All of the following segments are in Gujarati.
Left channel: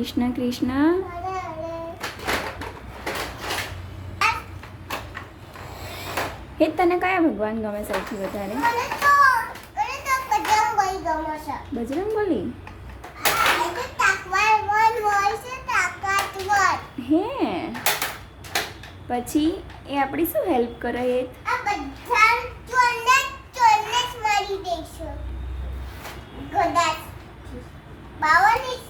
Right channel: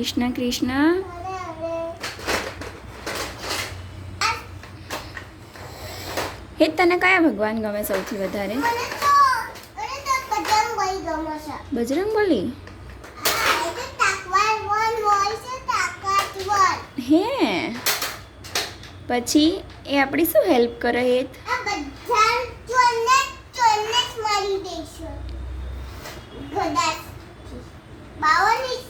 કૃષ્ણ કૃષ્ણ હે તને કયા ભગવાન ગમે સૌથી વધારે? બજરંગ બોલી? હે. પછી એ આપણી શું હેલ્પ કરે એ? બાવન ઇંચની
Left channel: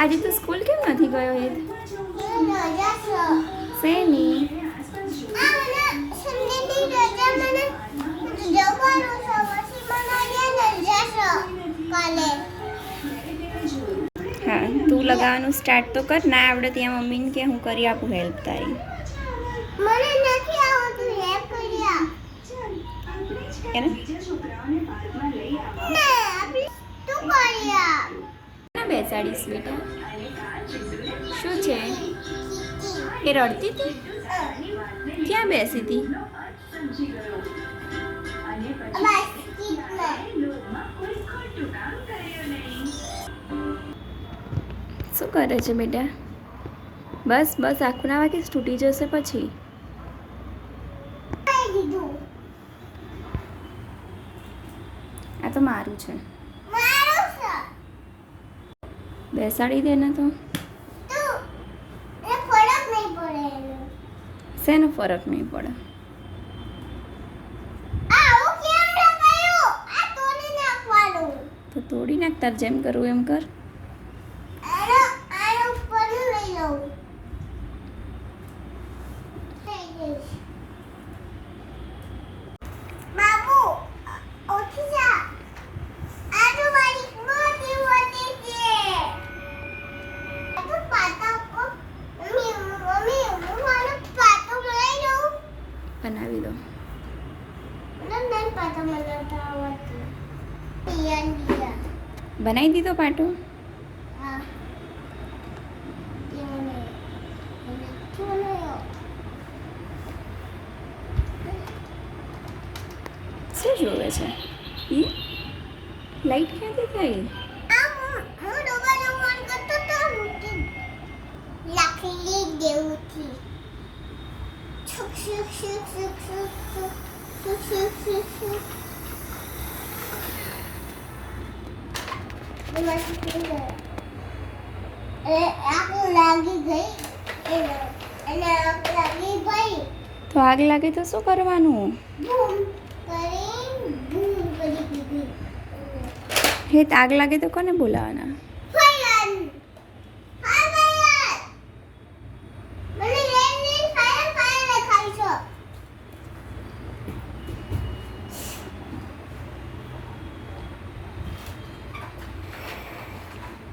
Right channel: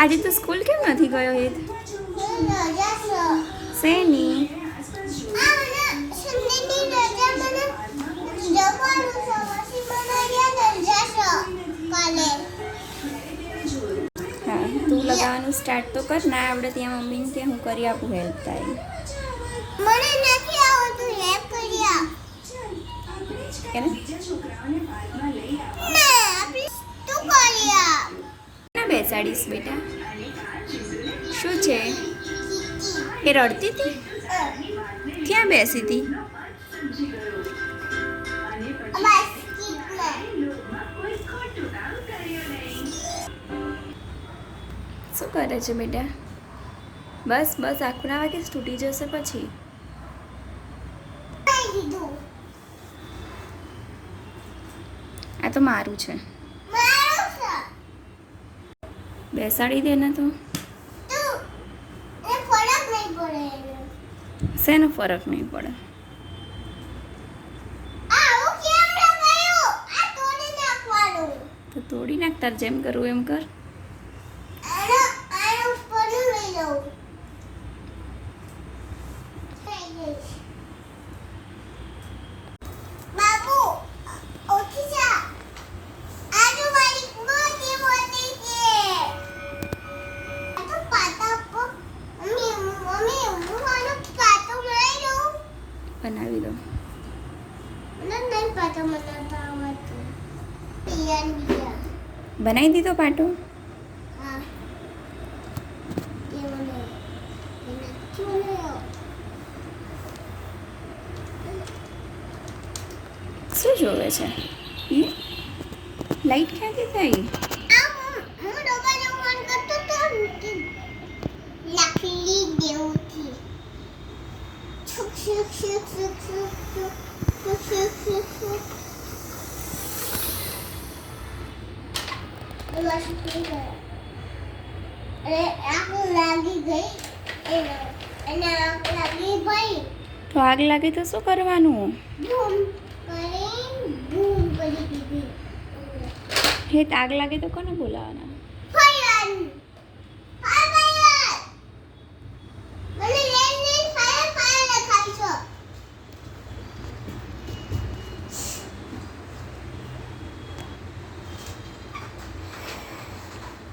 આજે તો સ્કૂલ કેમ નથી ગયો હેત શેની? હા તું લગાવવાનું સ્ટાર્ટ તો કર. ના આવડે ત્યાં મમ્મીને કે હું કરી આપું હેલ્પ તારી. મને નથી આવડતું હેલ્પ કરી આપ કે ને ના આપી તું કરી આપ ના બેટા. શું છે? એ રડતી હતી? ક્યાં બેસી હતી? શું કરે છે બેટા? બસ બસ, આખું ના વાગે તૂટી જશે પછી? આ તો મારું છે. બેસાડી દે ને તું. શેનો ફરક નહીં પડે? તો તોડી નાખ તાર જેમ કરવું એમ કર. બનાવી દો. બનાવી દીધો પાટો? શું જોવે છે? લાઈટ ક્યાંથી થઈ? હું ડબ્બાનો ફોન તો આગ લાગે તો શું કરવાનું? બૂમ કરી બૂમ કરી દીધી. હે તો આગ લાગે તો કોને બોલાવાના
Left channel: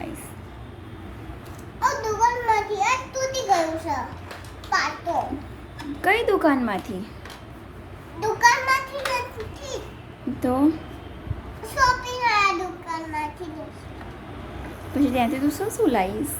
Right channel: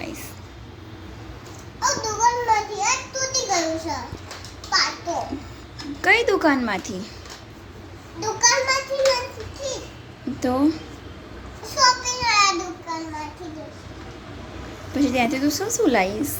લઈશ. આ લઈશ કઈ દુકાનમાંથી? તો? પછી ત્યાંથી તું શું શું લાવીશ?